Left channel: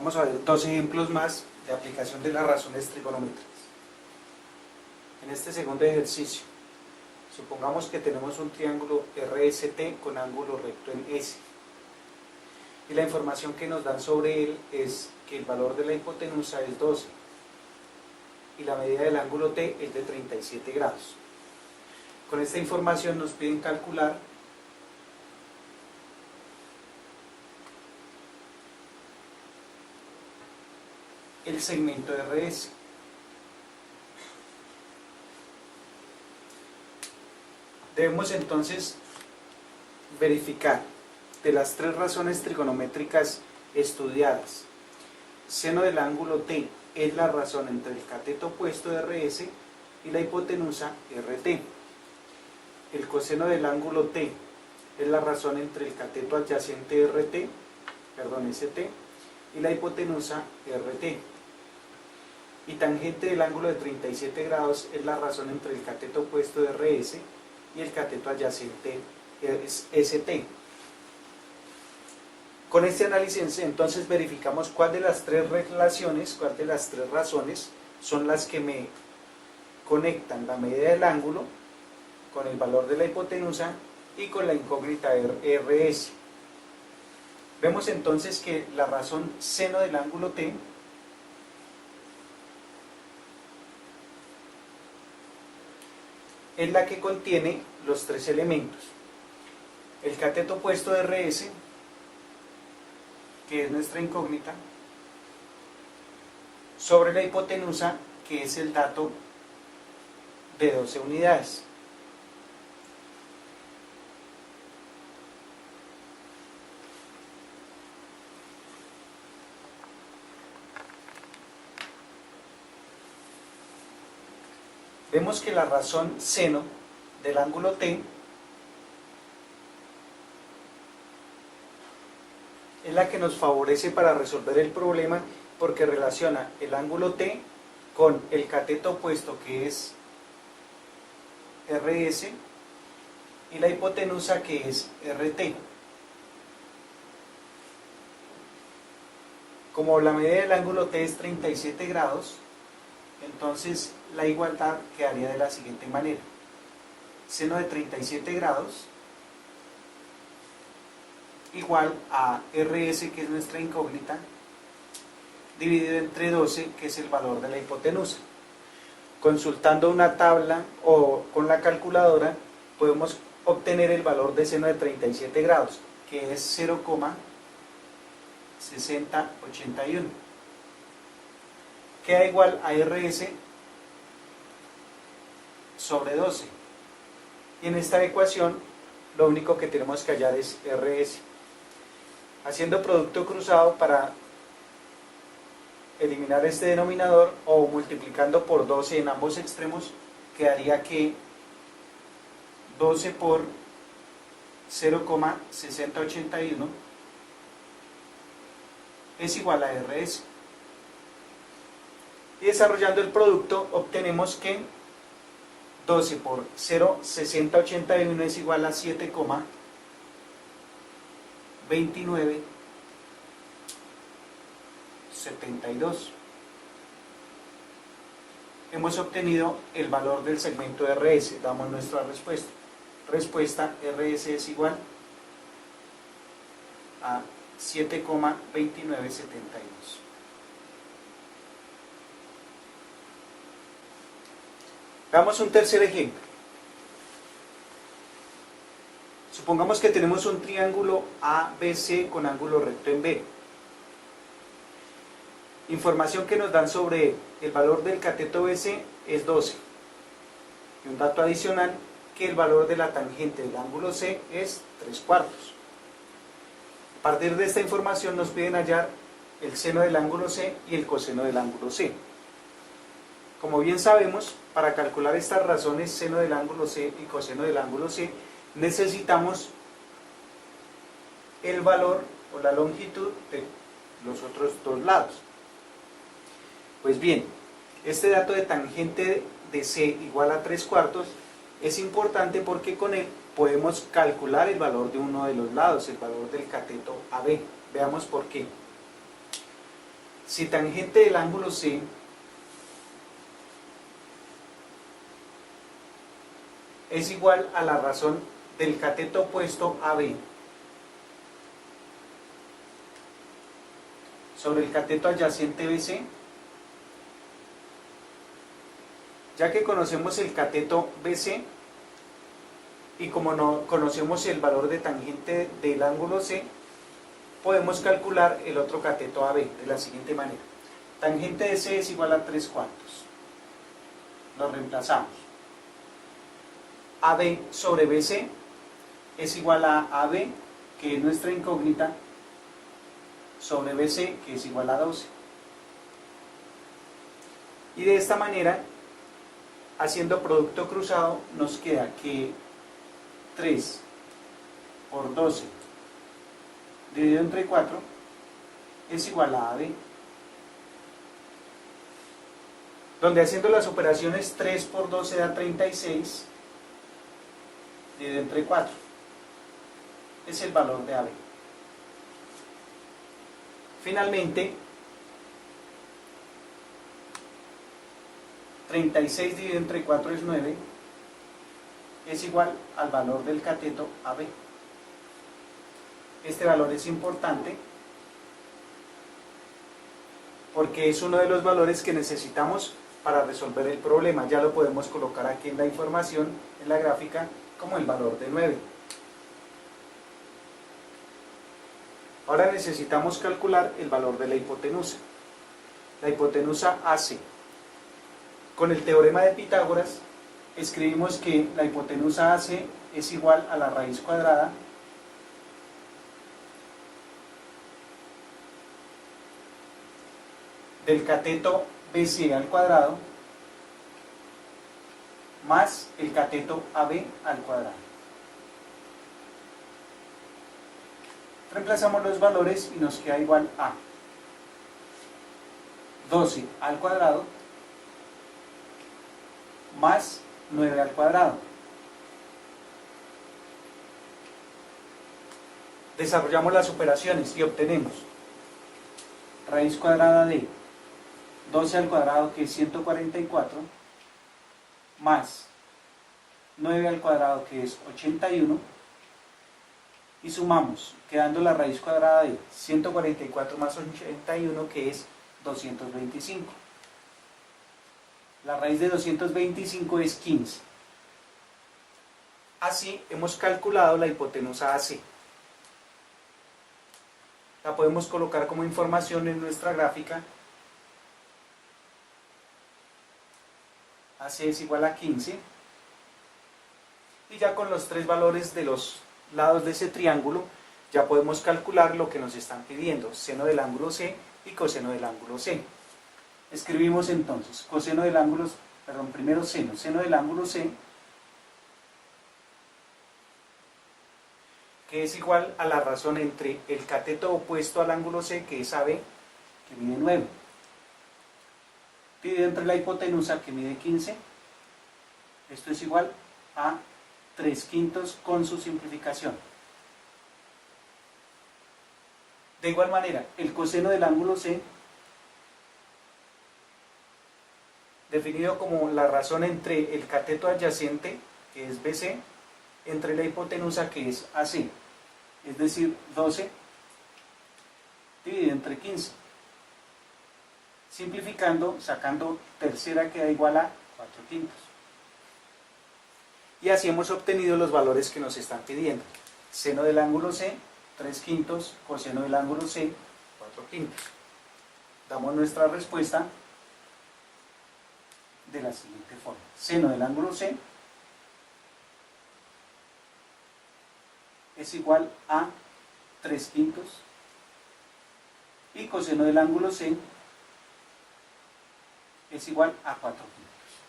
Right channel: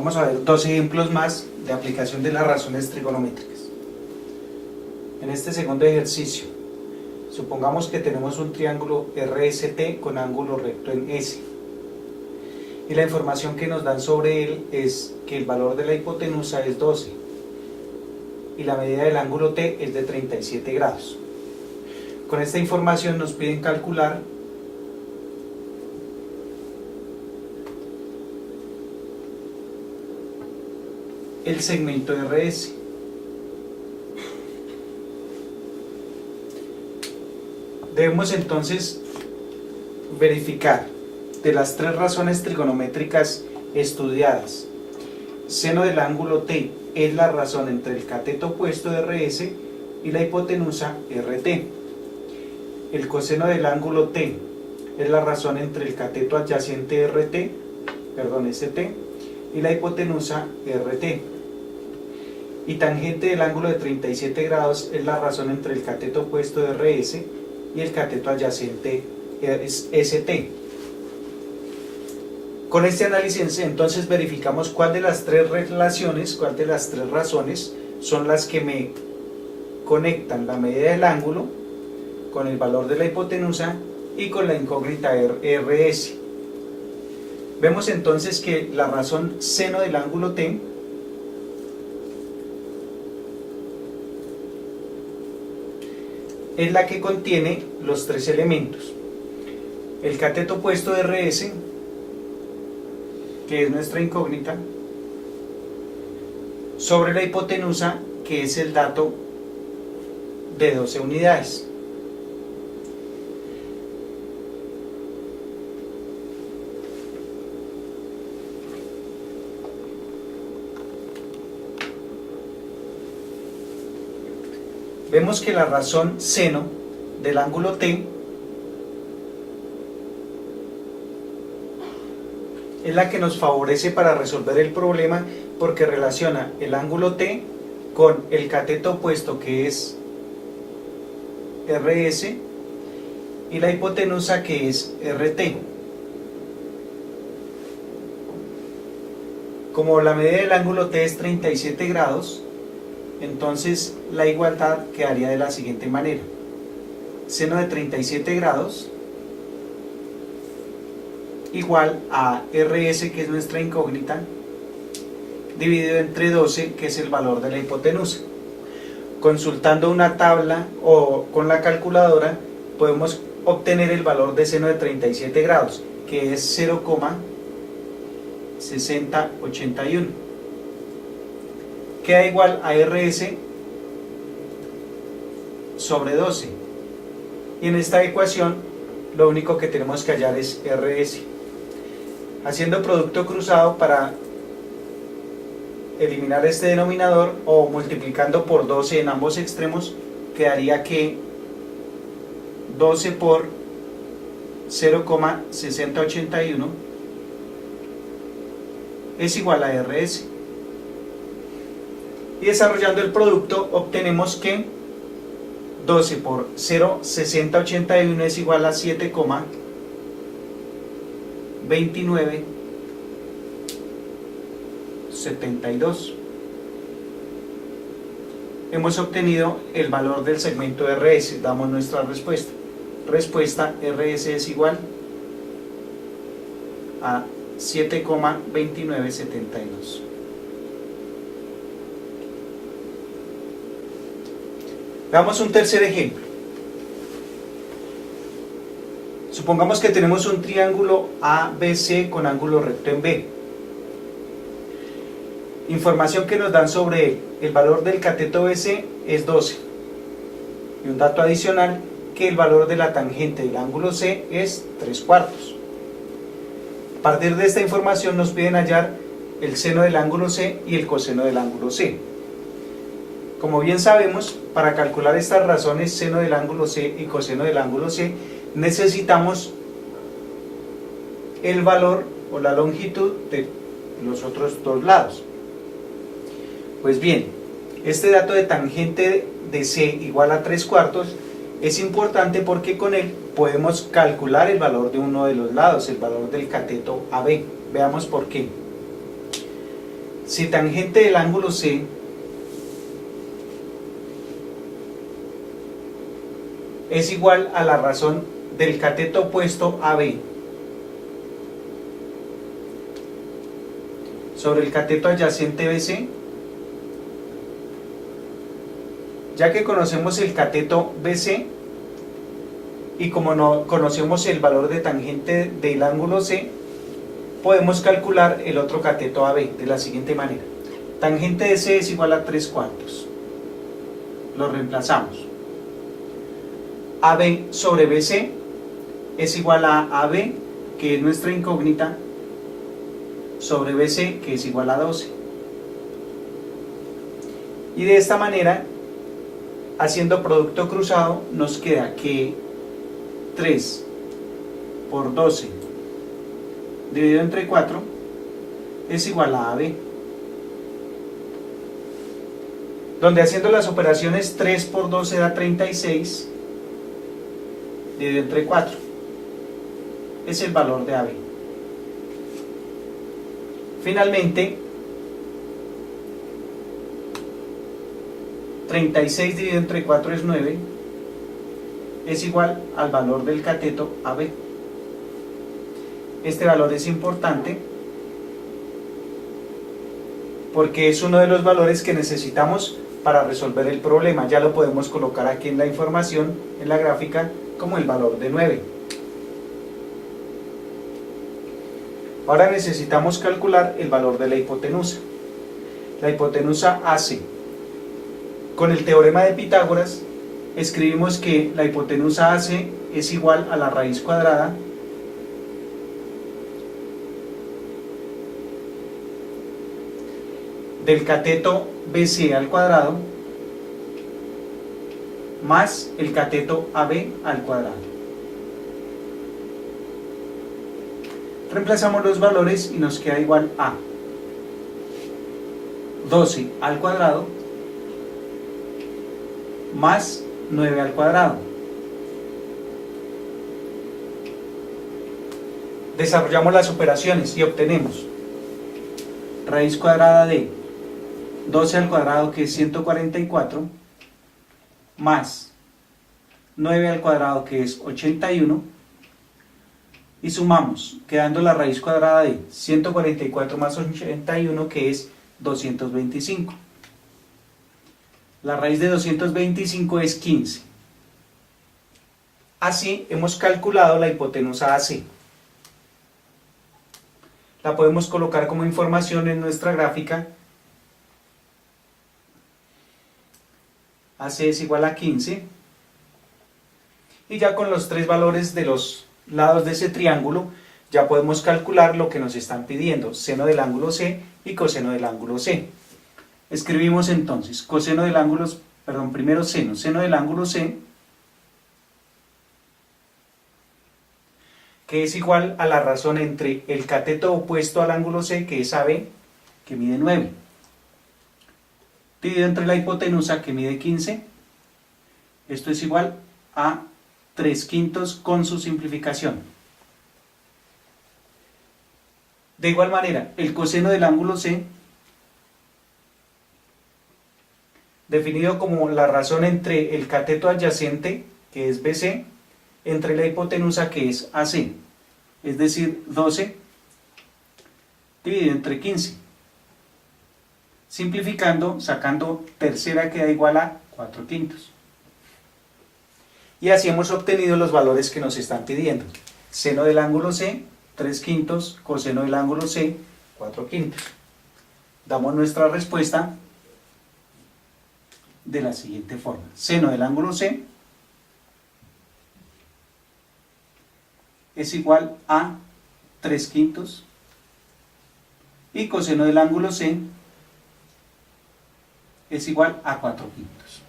Vamos a ver dos ejemplos más de aplicación de las razones trigonométricas. En este segundo ejercicio, supongamos que tenemos un triángulo RST con ángulo recto en S. Y la información que nos dan sobre él es que el valor de la hipotenusa es 12 y la medida del ángulo T es de 37 grados. Con esta información nos piden calcular el segmento RS. Debemos entonces verificar de las tres razones trigonométricas estudiadas. Seno del ángulo T es la razón entre el cateto opuesto de RS y la hipotenusa RT. El coseno del ángulo T es la razón entre el cateto adyacente ST y la hipotenusa RT. Y tangente del ángulo de 37 grados es la razón entre el cateto opuesto de RS y el cateto adyacente ST. Con este análisis entonces verificamos cuál de las tres relaciones, cuál de las tres razones son las que me conectan la medida del ángulo con el valor de la hipotenusa y con la incógnita RS. Vemos entonces que la razón seno del ángulo T es la que contiene los tres elementos: el cateto opuesto de RS, que es nuestra incógnita, sobre la hipotenusa, que es el dato de 12 unidades. Vemos que la razón seno del ángulo T es la que nos favorece para resolver el problema, porque relaciona el ángulo T con el cateto opuesto, que es RS, y la hipotenusa, que es RT. Como la medida del ángulo T es 37 grados, entonces la igualdad quedaría de la siguiente manera: seno de 37 grados igual a RS, que es nuestra incógnita, dividido entre 12, que es el valor de la hipotenusa. Consultando una tabla o con la calculadora podemos obtener el valor de seno de 37 grados, que es 0,6081. Queda igual a RS sobre 12. Y en esta ecuación lo único que tenemos que hallar es RS. Haciendo producto cruzado para eliminar este denominador, o multiplicando por 12 en ambos extremos, quedaría que 12 por 0,6081 es igual a RS. Y desarrollando el producto obtenemos que 12 por 0,6081 es igual a 7,2972. Hemos obtenido el valor del segmento RS. Damos nuestra respuesta. Respuesta: RS es igual a 7,2972. Veamos un tercer ejemplo. Supongamos que tenemos un triángulo ABC con ángulo recto en B. Información que nos dan sobre él: el valor del cateto BC es 12. Y un dato adicional, que el valor de la tangente del ángulo C es 3/4. A partir de esta información nos piden hallar el seno del ángulo C y el coseno del ángulo C. Como bien sabemos, para calcular estas razones seno del ángulo C y coseno del ángulo C, necesitamos el valor o la longitud de los otros dos lados. Pues bien, este dato de tangente de C igual a 3/4 es importante porque con él podemos calcular el valor de uno de los lados, el valor del cateto AB. Veamos por qué. Si tangente del ángulo C es igual a la razón del cateto opuesto AB sobre el cateto adyacente BC, ya que conocemos el cateto BC y como no conocemos el valor de tangente del ángulo C, podemos calcular el otro cateto AB de la siguiente manera. Tangente de C es igual a 3/4. Lo reemplazamos. AB sobre BC es igual a AB, que es nuestra incógnita, sobre BC, que es igual a 12. Y de esta manera, haciendo producto cruzado, nos queda que 3 por 12 dividido entre 4 es igual a AB. Donde haciendo las operaciones 3 por 12 da 36 dividido entre 4. Es el valor de AB. Finalmente, 36 dividido entre 4 es 9, es igual al valor del cateto AB. Este valor es importante porque es uno de los valores que necesitamos para resolver el problema. Ya lo podemos colocar aquí en la información, en la gráfica, como el valor de 9. Ahora necesitamos calcular el valor de la hipotenusa. La hipotenusa AC. Con el teorema de Pitágoras, escribimos que la hipotenusa AC es igual a la raíz cuadrada del cateto BC al cuadrado más el cateto AB al cuadrado. Reemplazamos los valores y nos queda igual a 12 al cuadrado más 9 al cuadrado. Desarrollamos las operaciones y obtenemos raíz cuadrada de 12 al cuadrado, que es 144, más 9 al cuadrado, que es 81, y sumamos, quedando la raíz cuadrada de 144 más 81, que es 225. La raíz de 225 es 15. Así hemos calculado la hipotenusa AC. La podemos colocar como información en nuestra gráfica. AC es igual a 15. Y ya con los tres valores de los lados de ese triángulo, ya podemos calcular lo que nos están pidiendo: seno del ángulo C y coseno del ángulo C. Escribimos entonces coseno del ángulo, primero seno del ángulo C, que es igual a la razón entre el cateto opuesto al ángulo C, que es AB, que mide 9, dividido entre la hipotenusa, que mide 15. Esto es igual a 3/5 con su simplificación. De igual manera, el coseno del ángulo C, definido como la razón entre el cateto adyacente, que es BC, entre la hipotenusa, que es AC, es decir, 12 dividido entre 15. Simplificando, sacando tercera, queda igual a 4/5. Y así hemos obtenido los valores que nos están pidiendo: seno del ángulo C, 3/5, coseno del ángulo C, 4/5. Damos nuestra respuesta de la siguiente forma: seno del ángulo C es igual a 3/5 y coseno del ángulo C es igual a 4/5.